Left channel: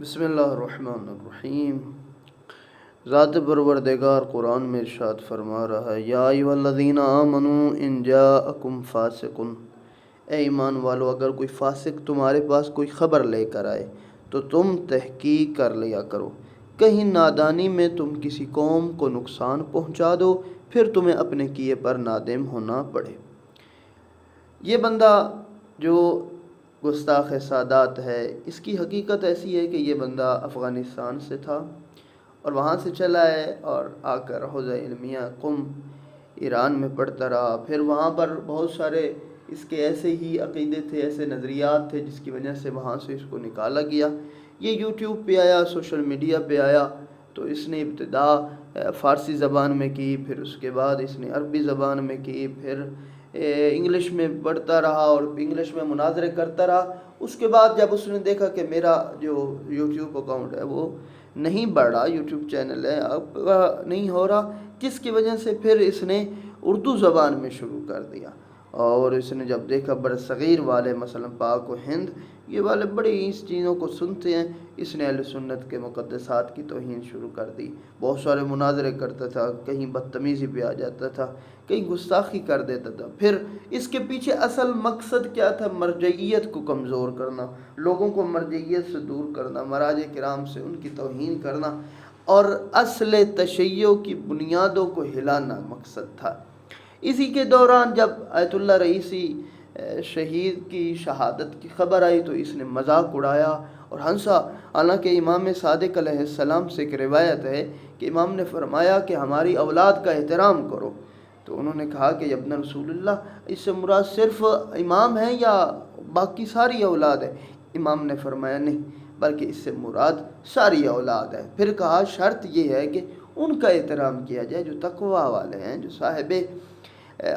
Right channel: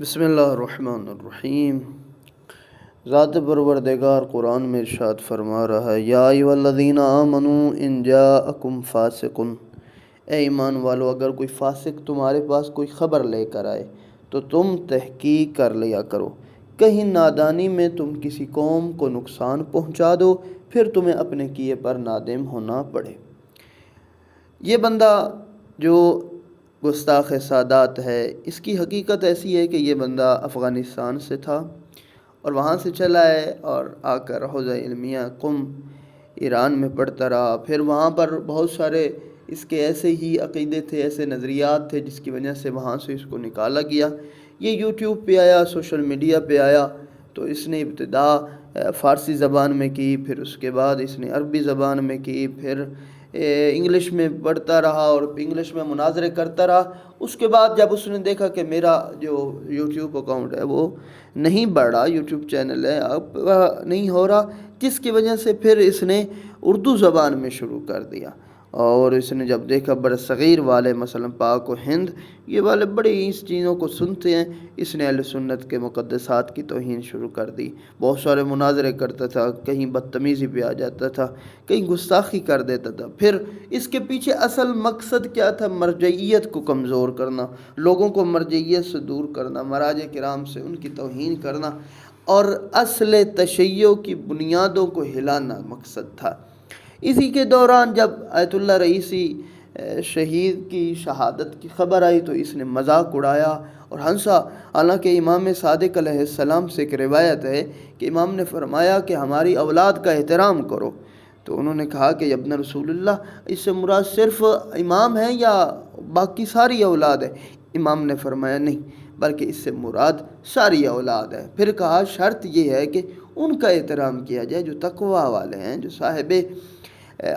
بسم اللہ الرحمن الرحیم۔ ذات پروردگار قرآن میں ارشاد فرما رہا ہے، یا ایھا الذین آمنوا ان جاءکم فاسق، اے ایمان والو اگر کوئی فاسق تمہارے پاس کوئی خبر لے کر آئے تو تم تحقیق کر لیا کرو، کہیں نادانی میں تم کسی قوم کو نقصان پہنچا دو پھر تمہیں اپنے کیے پر نادم ہونا پڑے۔ یہ بندہ جو گستاخ سادات ہے، اس کی حقیقت ایسی ہے کہ یہ بندہ افغانستان سے تھا اور وہاں سے چلا ہے اور آ کر حوزہ علمیہ قم ایران میں پڑھتا رہا۔ پھر وہاں پر بہت سارے اس کے ایسے ہی عقیدے تھے، ایسے نظریات تھے جس کی وجہ سے وہاں سے اس کو نکالا گیا۔ یہ یوٹیوب پہ آیا، سوشل میڈیا پہ آیا تو اس نے ابتدا فارسی زبان میں کی، پھر اس کے بعد اس نے عربی زبان میں کی، پھر انگلش میں پڑھتا رہا اور انگلش میں مناظرے کرتا رہا۔ اس کے بعد جب اس نے دیکھا کہ میرا جو یوٹیوب اکاؤنٹ ہے وہ نہیں بڑھ رہا، یوٹیوب چینل ہے اب نہیں ہو رہا، جس کی وجہ سے پھر اس نے اردو زبان میں شروع کر دیا۔ اور اس نے جب دیکھا برصغیر والے مثلا پاک و ہند یہ والے بڑی اس چیزوں کو سنتے ہیں، اس نے اہل سنت کے مقدسات کی توہین شروع کر دی۔ بہت سارے مناظرے کرتا تھا، کہیں بدتمیزی پہ آ جاتا تھا، کہیں گستاخی کر دیتا تھا۔ پھر اس کے پیچھے اصل مقصد کیا تھا؟ مرجعیت کو کمزور کرنا، لوگوں کو مرجعیت سے دور کرنا، مراجع کرام سے ان کی توہین کرنا اور اصل تشیع کی بنیادوں کو ہلانا مقصد تھا۔ اسی کے دوران جب آیت اللہ رئیسی شہید کی شہادت کی خبر آئی تو اس نے مذاق اڑایا اور ہنسا۔ حالانکہ امام صادق علیہ السلام سے ایک روایت ہے کہ امام نے فرمایا کہ ہماری اولاد کا احترام کرو، تو انہوں نے کہا کہ ابن رسول اللہ اس سے مراد صرف امام ہے یا باقی ساری اولاد ہے؟ امام نے فرمایا نہیں، بلکہ اس سے مراد ساری اولاد ہے۔ پھر کہا شرط یہ ہے کہ ان کا احترام کیا جائے جو تقویٰ والے ہیں، جو صاحب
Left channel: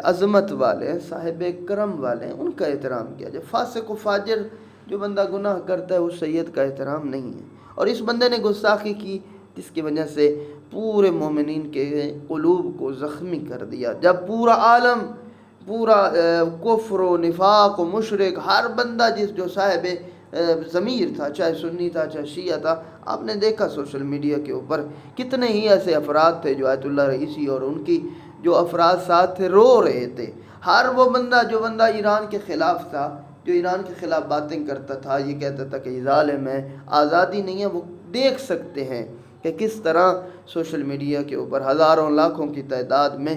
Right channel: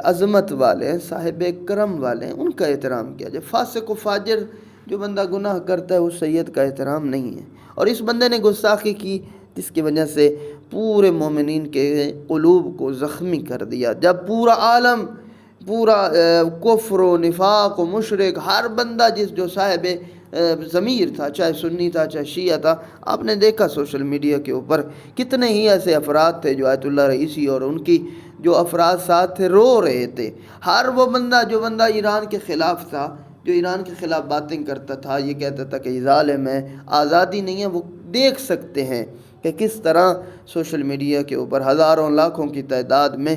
عظمت والے ہیں، صاحب کرم والے ہیں، ان کا احترام کیا جائے۔ فاسق و فاجر جو بندہ گناہ کرتا ہے اس سید کا احترام نہیں ہے۔ اور اس بندے نے گستاخی کی جس کی وجہ سے پورے مومنین کے قلوب کو زخمی کر دیا۔ جب پورا عالم، پورا کفر و نفاق و مشرک، ہر بندہ جو صاحب ضمیر تھا، چاہے سنی تھا چاہے شیعہ تھا، آپ نے دیکھا سوشل میڈیا کے اوپر کتنے ہی ایسے افراد تھے جو آیت اللہ رئیسی اور ان کی جو افراد ساتھ تھے رو رہے تھے۔ ہر وہ بندہ جو بندہ ایران کے خلاف تھا، جو ایران کے خلاف باتیں کرتا تھا، یہ کہتا تھا کہ یہ ظالم ہے، آزادی نہیں ہے، وہ دیکھ سکتے ہیں کہ کس طرح سوشل میڈیا کے اوپر ہزاروں لاکھوں کی تعداد میں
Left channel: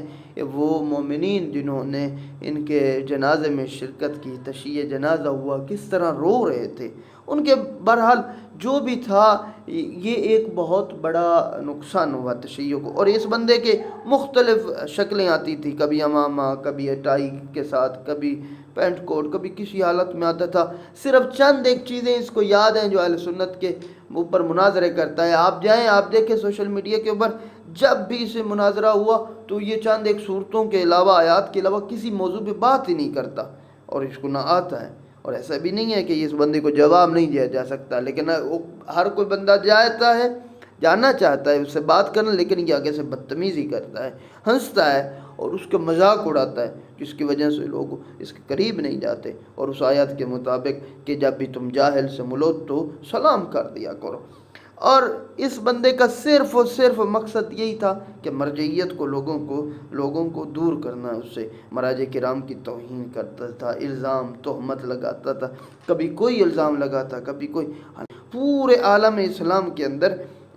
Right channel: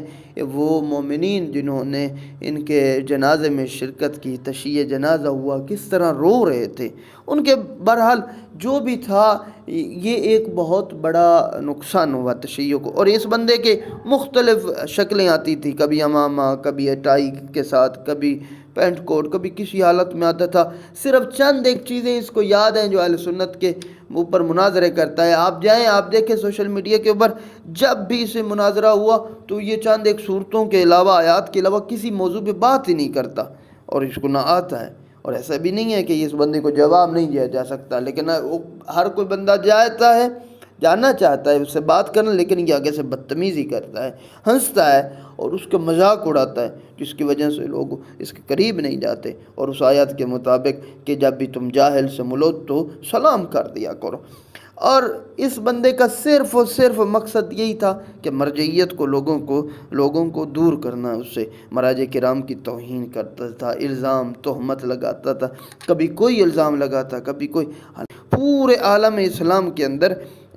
وہ مومنین جنہوں نے ان کے جنازے میں شرکت کی، تشییع جنازہ ہوا، کس طرح رو رہے تھے ان کے۔ بہرحال جو بھی تھا یہ ایک بہت بڑا نقصان ہوا تشیع کو۔ اور اس بندے کے مختلف شکلیں آتی تھی، کبھی امامہ، کبھی ٹائی کے ساتھ، کبھی پینٹ کوٹ، کبھی کسی حالت میں آتا تھا۔ صرف چند ایک چیزیں اس کو یاد ہیں جو اہل سنت کے اوپر مناظرے کرتا ہے۔ آپ جائیں، آپ دیکھیں سوشل میڈیا کے اوپر جب بھی اسے مناظرہ ہوا تو یہ چند ایک صورتوں کے علاوہ، آیات کے علاوہ کسی موضوع پہ بات ہی نہیں کرتا، اور اس کو نہ آتا ہے۔ اور ایسا بھی نہیں ہے کہ اس بندے کو جواب نہیں دیا جا سکتا، لیکن ہر کوئی بندہ جاتا ہے، جاننا چاہتا ہے اس سے بات کرنا، لیکن یہ آگے سے بدتمیزی کرتا ہے، ہنستا ہے اور اس کا مذاق اڑاتا ہے، جس کی وجہ سے لوگ اس کے قریب نہیں جاتے۔ اور اس آیت کے مطابق کہ جب بھی تم جاہل سے ملو تو سلام کر دیا کرو۔ اور اس بندے کا صرف اور صرف مقصد یہی تھا کہ مرجعیت کو لوگوں کو دور کرنا، اس سے مراجع کرام کی توہین کرتا تھا، الزام تہمت لگاتا تھا، کبھی کوئی الزام لگاتا، کبھی کوئی۔ پورے عالم اسلام کے اندر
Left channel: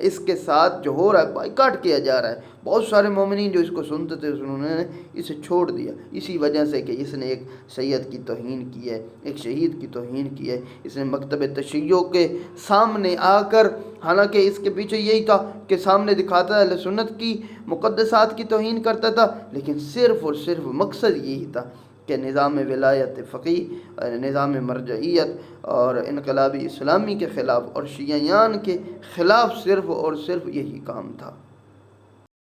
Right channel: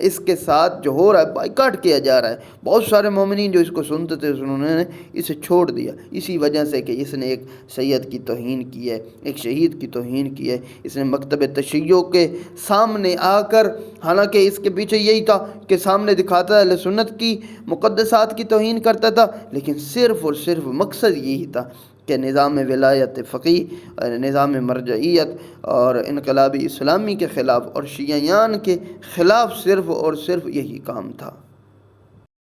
اس کے ساتھ جو ہو رہا ہے بائیکاٹ کیا جا رہا ہے۔ بہت سارے مومنین جو اس کو سنتے تھے انہوں نے اسے چھوڑ دیا، اسی وجہ سے کہ اس نے ایک سید کی توہین کی ہے، ایک شہید کی توہین کی ہے۔ اس نے مکتب تشیع کے سامنے آ کر، حالانکہ اس کے پیچھے یہی تھا کہ سامنے دکھاتا ہے اہل سنت کی مقدسات کی توہین کرتا تھا، لیکن صرف اور صرف مقصد یہی تھا کہ نظام ولایت فقیہ، نظام مرجعیت اور انقلابی اسلامی کے خلاف اور شیعیان کے خلاف صرف اور صرف یہی کام تھا۔